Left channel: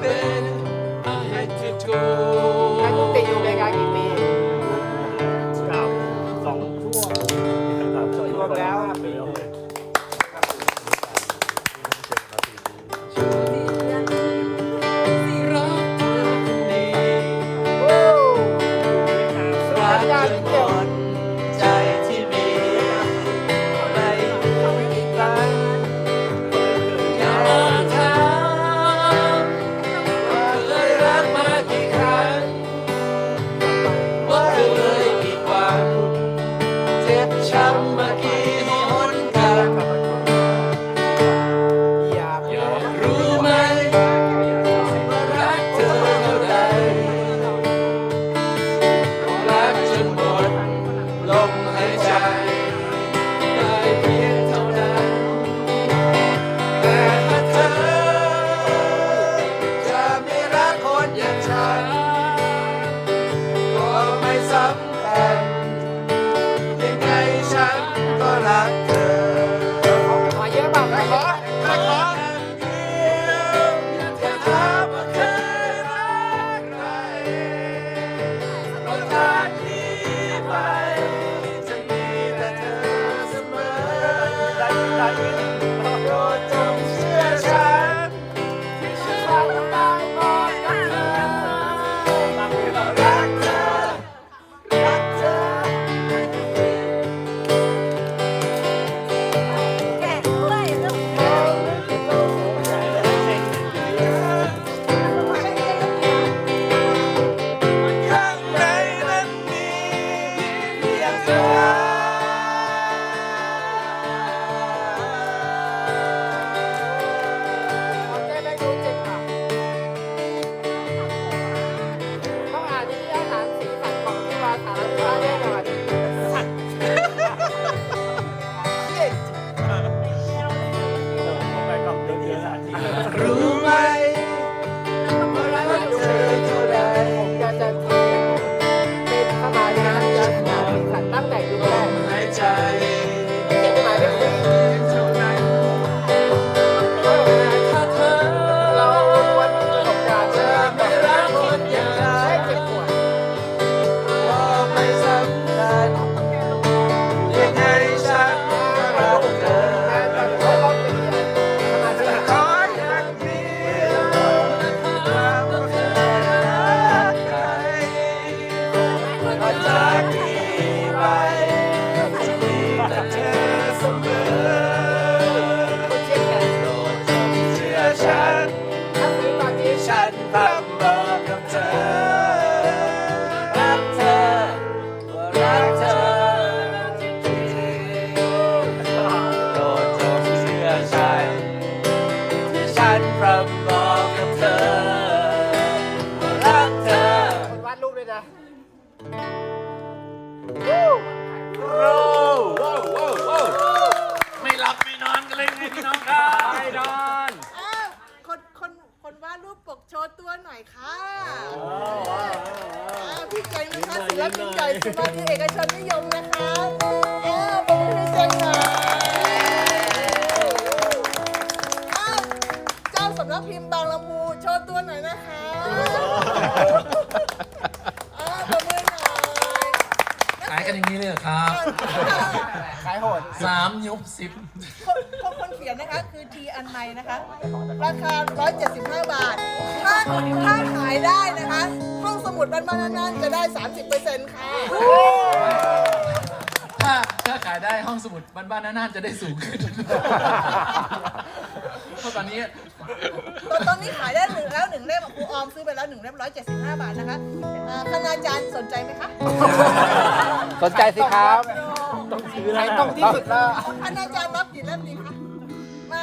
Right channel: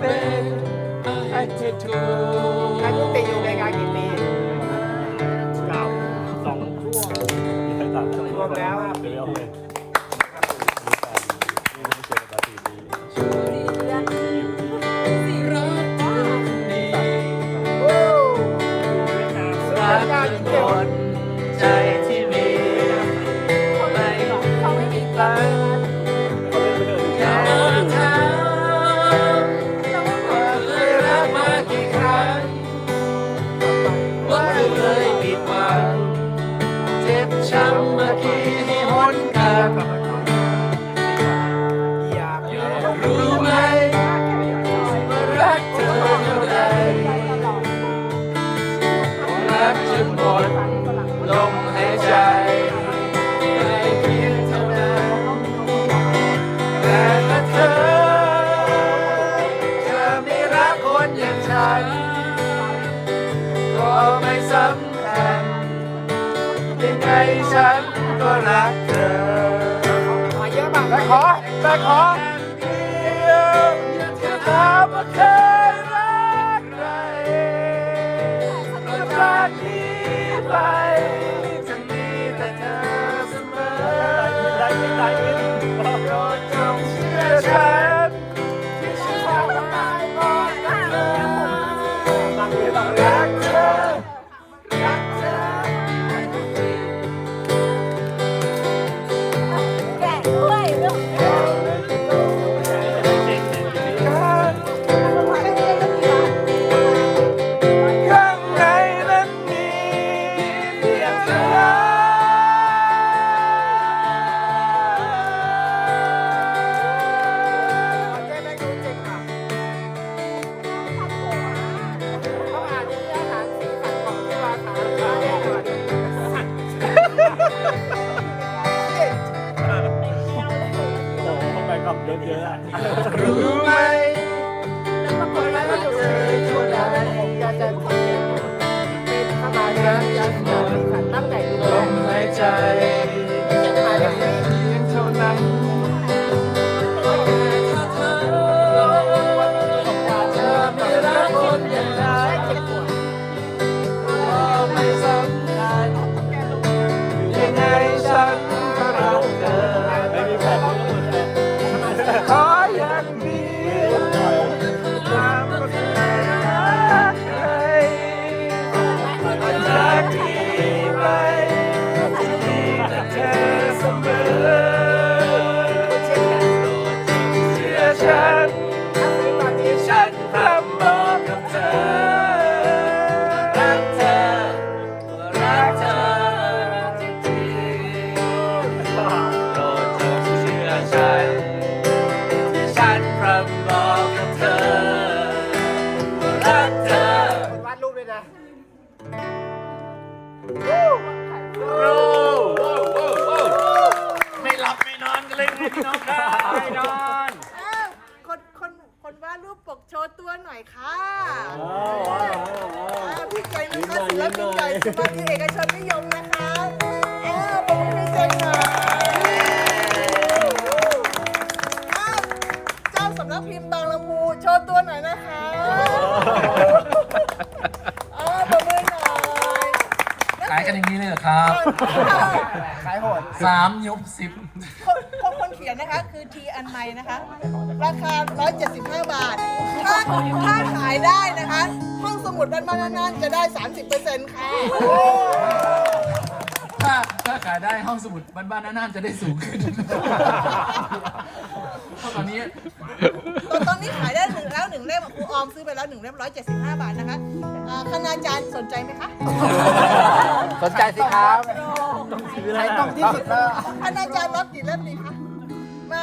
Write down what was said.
baby, I hate to go. ชื่อฉันที่ฉันรับเธอรักเธอรักเธอจริงๆโปรดจงเชื่อฉันที่ฉันรับเธอรักเธอวาดรูปเลยนะไม่หลับไม่นอนกันเลยไงพี่น้องครับไม่นอน อ้าวคนคนคนวาดรูปปกโชว์ตัวหน่อยค่ะ อ่าพี่ใจนะคะศิลปินใหญ่ศิลปินเอกชนนิยมนะคะเออเป็นพรีเซนเตอร์อ้าวเจ้าสำนักพิมพ์บางลำพูโชว์ตัวหน่อยนะคะอ่าประมือหน่อยขายกันอย่างนี้เลยเหรอครับขายโหดสามยุบสิบคนคนคนเขียนนะคะคือทีอันไมนะคะ ราคา 175 บาท ถ้าถ้าขายได้นะคะห้องส มุดบ้านบ้านนั่นๆจะได้ 30%ค่ะ ถ้าถ้าขายได้ห้องสมุดบ้านๆน่านๆจะได้สูงขึ้น เพราะตอนนี้ ตอนตอนนี้ขายได้หนึ่งแล้วหนึ่งเล่มครูออมซื้อไปแล้วหนึ่งเล่ม175บาทนะคะอ่าคณาจารย์สนใจไหมคะสนใจสิครับขายตรงที่สุดแล้ว คณาจารย์รับกี่เล่มดีคะ